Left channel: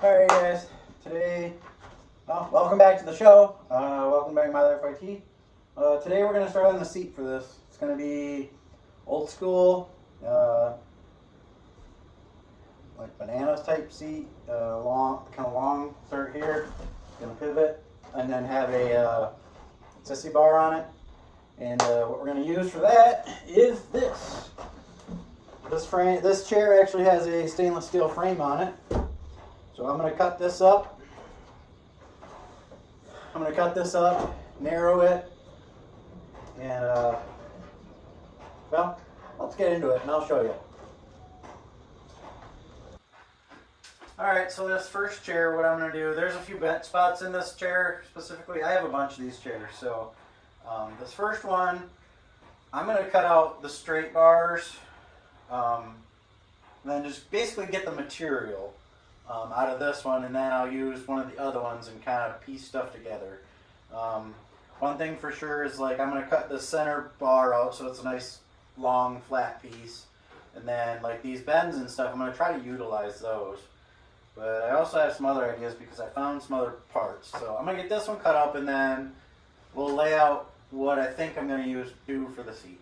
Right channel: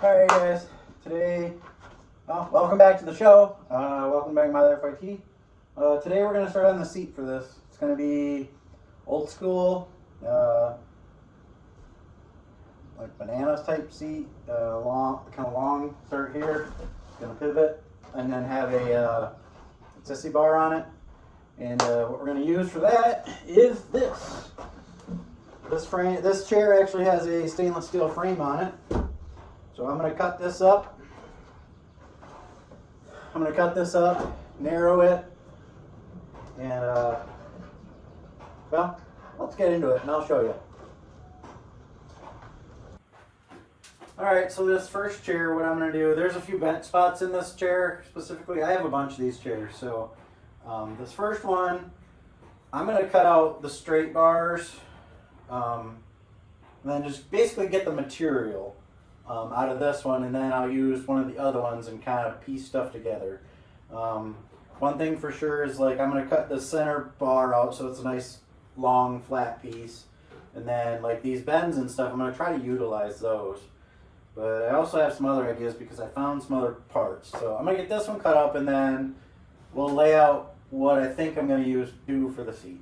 Alright guys, today, welcome back to the show. Welcome back to My Life IT. Today we're going to start on the seat for this. It's going to be old school, like bananas type seat, kind of long, start here, going to pivot, and then have a sissy bar on it. And what we're going to use for that is this. This chair actually has a stainless steel frame on it. So I'm going to cut this up. Narrow it, and well, let's get into it and I'll show you. Alright, so this first chair, what I'm going to do, there's a few bent spots in this chair specifically. I have a bunch of these chairs. So this first one, I'm going to cut out the straight bars, and then just basically get the material out of this one, and then I'll use one of the other ones and kind of piece stuff together. One thing for sure is, like, I'm going to cut the center bar out so it's a nice long flat piece, and then like these bends and stuff, I'm going to try to utilize those. But I also have some other ideas because I found some other parts. So I'm going to get this one cut up, and then we'll lay out what I think I'm going to do for the seat.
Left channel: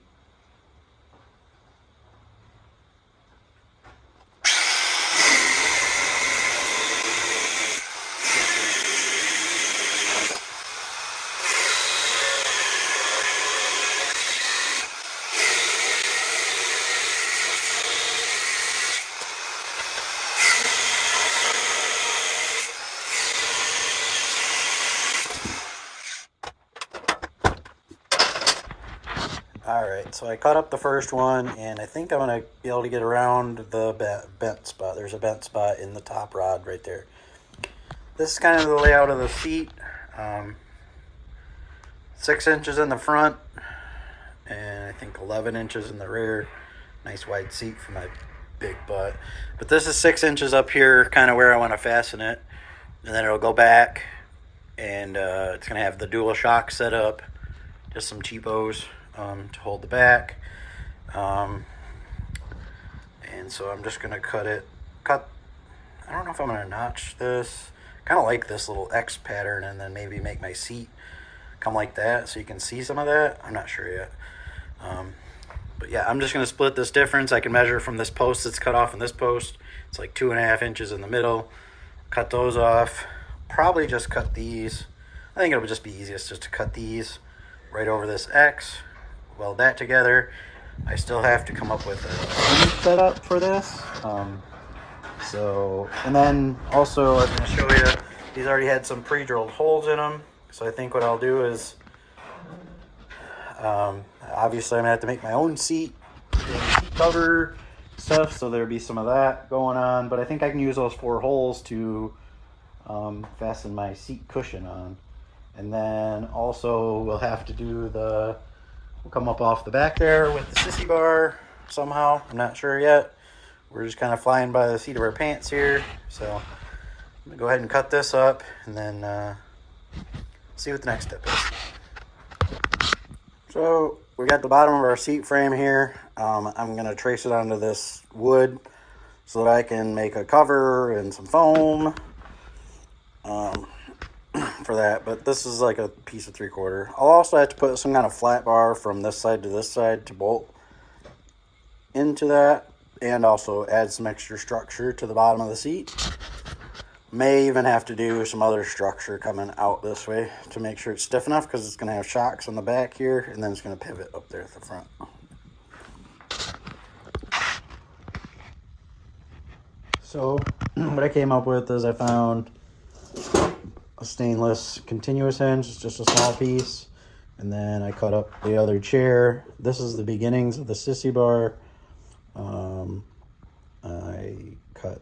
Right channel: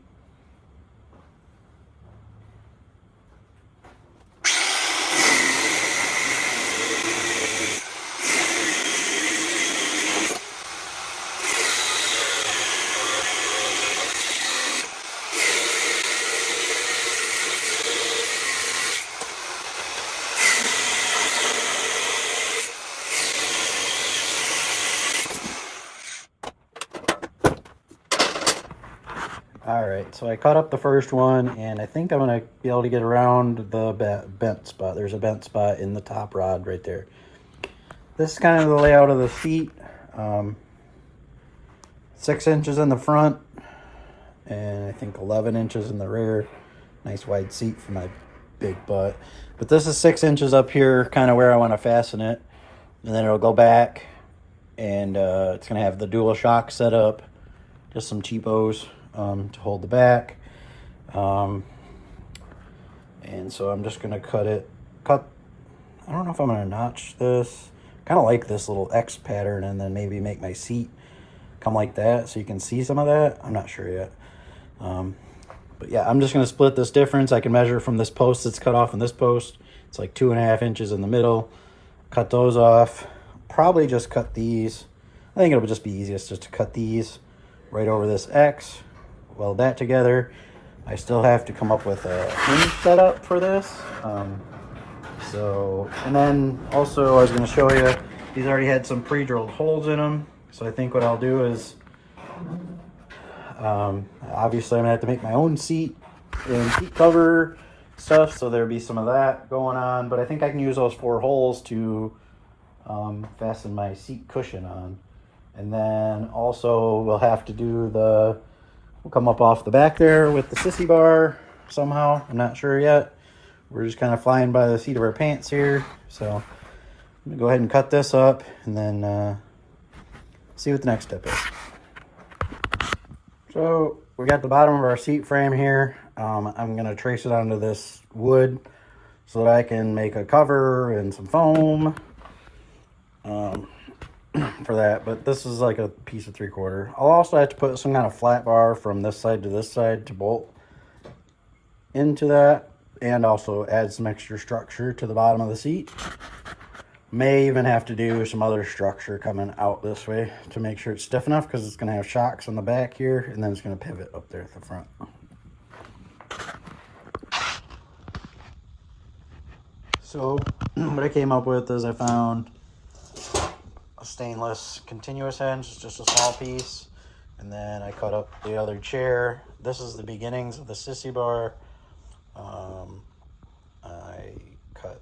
Alright, so I cut up the first one, and I think I'm going to be able to get around the bent spot. There's a bent spot in the top rod right there. This is kind of the layout of the seat. 6 inches in the front, and I think 11 inches in the rear. Nice wide seat for my big butt. But this is 6 inches up here, kind of where I want to fasten it. And then it'll go back, and it's going to have the dual shock set up. Just some cheapos to hold the back. And so I'm just going to cut. I don't know if I'm going to notch this. Kind of like this little X pattern, and then maybe make my seat come like that so you can see some of that. I'm not sure yet. But yeah, I'm just going to split this difference. I can measure from this post that's cut off and this post. It's like 2.5 inches in the middle. Cut those off. Probably just cut these. I think it'll just be easiest just to cut these right over this X. Weld that together. I still have to come up with a hinge setup for this. And then also I was going to show you, these already had some pre-drilled holes in them. So I think what I'll do is, obviously I'm going to have to make my own seat and seat cover stuff. So there'll be some of that going on. But I think I can use those 4 holes to fasten my seat cushion on. And then also we'll have to do we'll come up off the back there with the sissy bar somehow. I'm not sure yet. We're just kind of flying by the seat of our pants here. So I'm gonna go ahead and cut this up, and then see what the next step is. So we got the bottom of our seat frame here. I'm gonna trace it onto this wood so that I can make a cover and some foam for that. But this is like a piece of 3/4. I'll also have to put some kind of flat bar from this side to this side to bolt into that, and also add some extra structure to the bottom of the seat. May even have to do some other structure coming out this way to make sure it's stiff enough, because it's going to have shocks on the back here, and then it's going to pivot up there at the front. So what I came up with is I found a stainless continuous hinge, just a small piece, and then I cut up the other chair. This is the beginnings of the sissy bar. I cut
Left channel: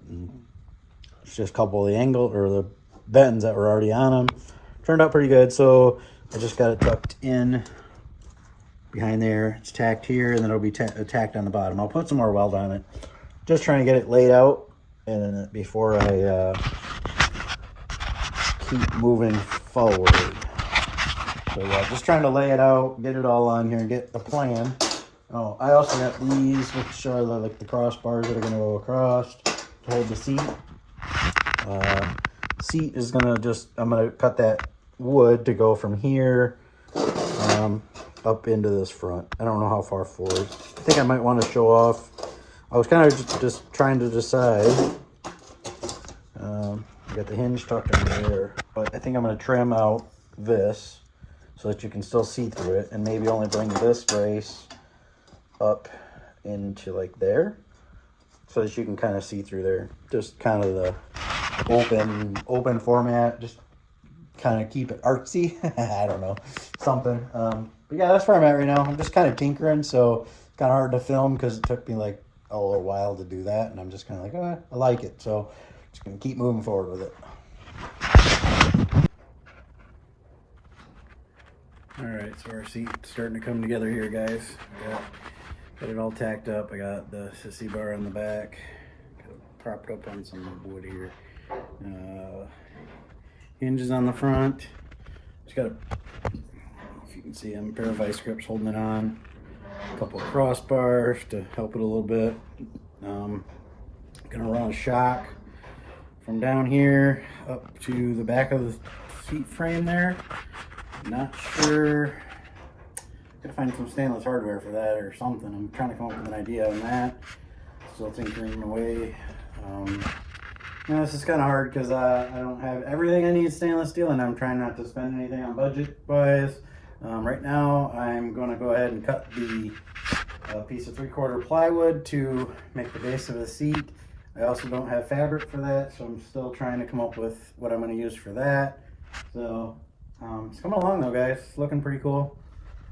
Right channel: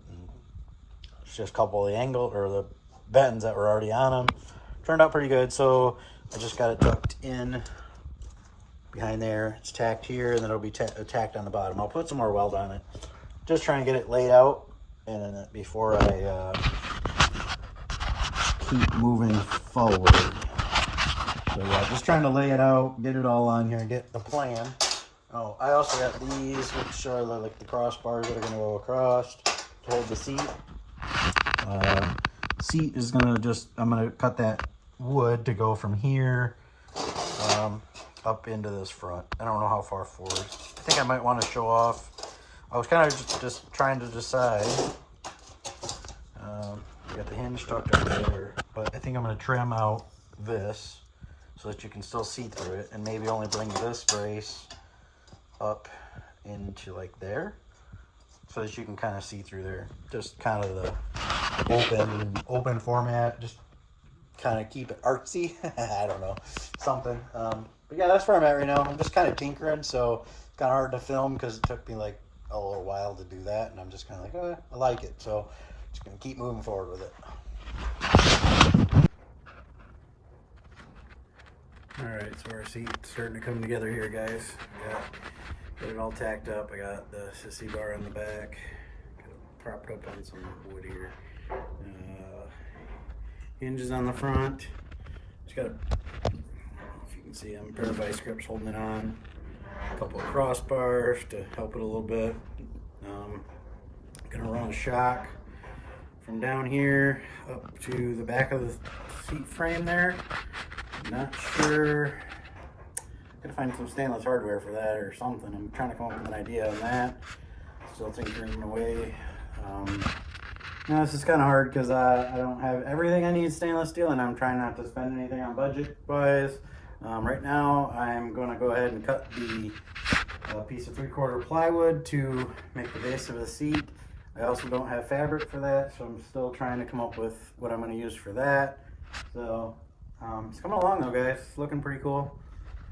just a couple of the angle or the bends that were already on them. Turned out pretty good, so I just got it tucked in behind there. It's tacked here, and then it'll be tacked on the bottom. I'll put some more weld on it. Just trying to get it laid out and before I keep moving forward. So yeah, just trying to lay it out, get it all on here, get the plan. Oh, I also got these, which are like the crossbars that are going to go across to hold the seat. Seat is gonna I'm gonna cut that wood to go from here up into this front. I don't know how far forward. I think I might want to show off. I was kind of just trying to decide. Got the hinge tucked into there, but I think I'm gonna trim out this so that you can still see through it, and maybe only bring this brace up into like there, so that you can kind of see through there. Just kind of the open format, just kind of keep it artsy. I don't know, something. But yeah, that's where I'm at right now. I'm just kind of tinkering, so it's kind of hard to film because it took me like a little while to do that, and I'm just kind of like, I like it, so just gonna keep moving forward with it. All right, so our seat's starting to come together here, guys. Got it all tacked up. I got the sissy bar in the back, got it propped up on some wood here. Hinges on the front. Just got if you can see them, a pair of vice grips holding it on. A couple of crossbars to help it a little bit. Gonna run a shock from down here up to the back of the seat frame there. Not sure. Gotta find some stainless hardware for that or something. I'm trying to come up with an idea on that. Still tinkering away. Now it's just kind of hard because I don't have everything I need stainless steel, and I'm trying not to spend anything on budget wise. Right now I'm going to go ahead and cut the piece of 3/4 plywood to make the base of the seat. I also don't have fabric for that, so I'm still trying to come up with what I'm going to use for that. So it's coming along though, guys. It's looking pretty cool.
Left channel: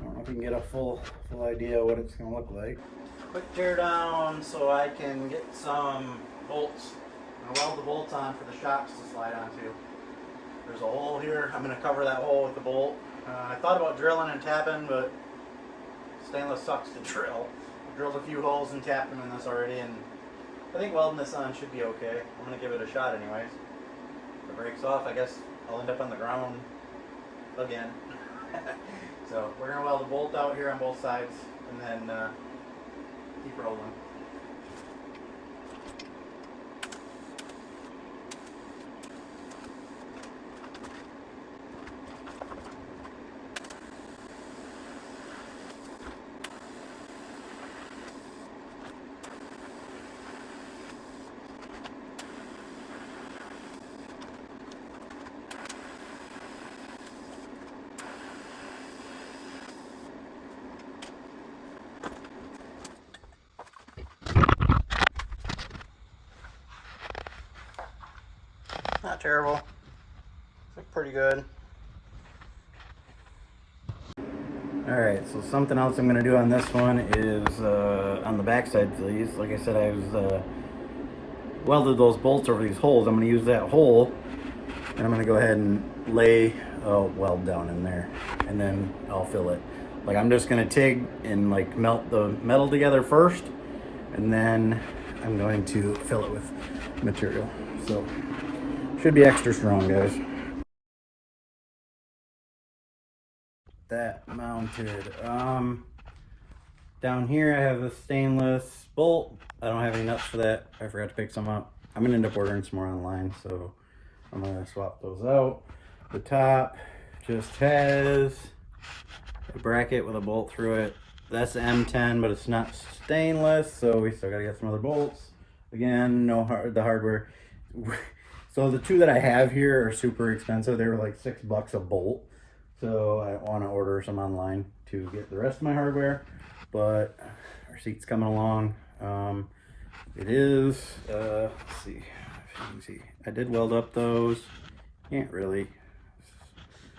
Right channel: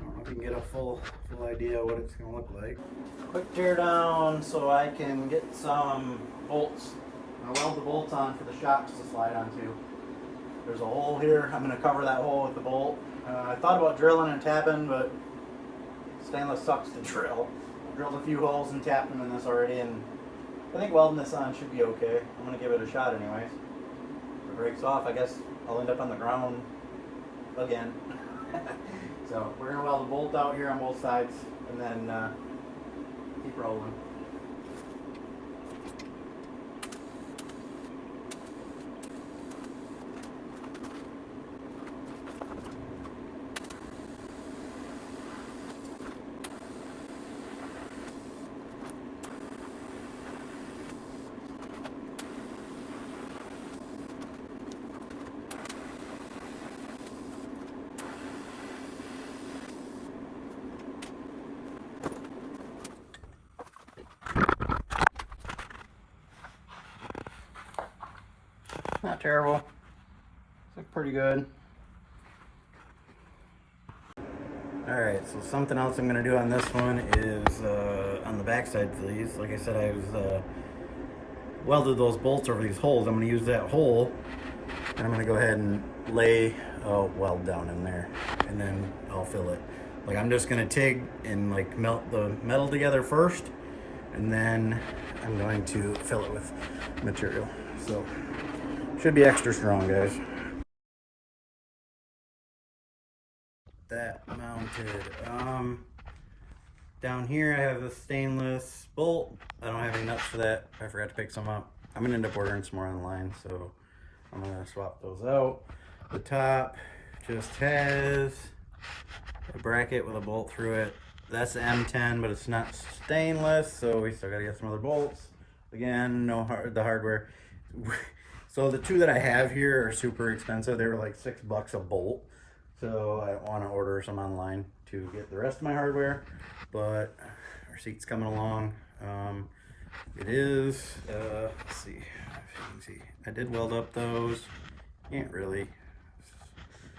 I don't know if you can get a full idea of what it's going to look like. Quick tear down so I can get some bolts. I'm going to weld the bolts on for the shocks to slide onto. There's a hole here. I'm going to cover that hole with the bolt. I thought about drilling and tapping, but stainless sucks to drill. I've drilled a few holes and tapped them in this already, and I think welding this on should be okay. I'm going to give it a shot anyways. If it breaks off, I guess I'll end up on the ground again. So we're going to weld a bolt out here on both sides, and then keep rolling. Not terrible. It's pretty good. Alright, so something else I'm going to do on this one is on the backside of these. Like I said, I was welded those bolts over these holes. I'm going to use that hole, and I'm going to go ahead and lay a weld down in there, and then I'll fill it. Like, I'm just going to TIG and like melt the metal together first, and then I'm going to fill it with material. So should be extra strong, guys. That mounted. Down here I have the stainless bolt. I don't have any nuts for that. I forgot to pick some up. I'm gonna end up ordering some more online, so I'm gonna swap those out. The top just has a bracket with a bolt through it. That's M10, but it's not stainless, so we still gotta get some other bolts. Again, the hardware. So the two that I have here are super expensive. They were like $6 a bolt. So I want to order some online to get the rest of my hardware. But our seat's coming along. It is, let's see if you can see. I did weld up those. Can't really.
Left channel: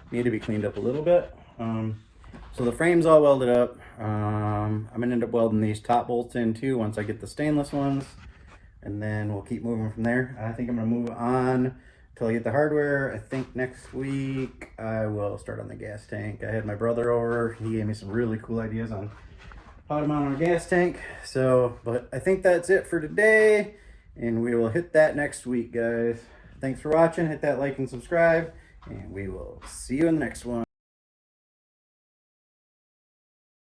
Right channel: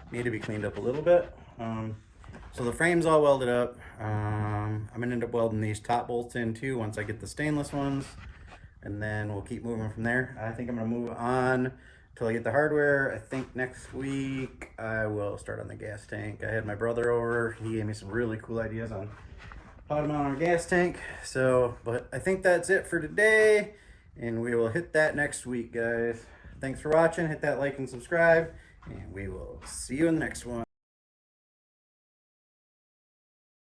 Need to be cleaned up a little bit. So the frame's all welded up. I'm going to end up welding these top bolts in too once I get the stainless ones. And then we'll keep moving from there. I think I'm gonna move on until I get the hardware. I think next week I will start on the gas tank. I had my brother over. He gave me some really cool ideas on how to mount on a gas tank. So, but I think that's it for today. And we will hit that next week, guys. Thanks for watching. Hit that like and subscribe. And we will see you in the next one.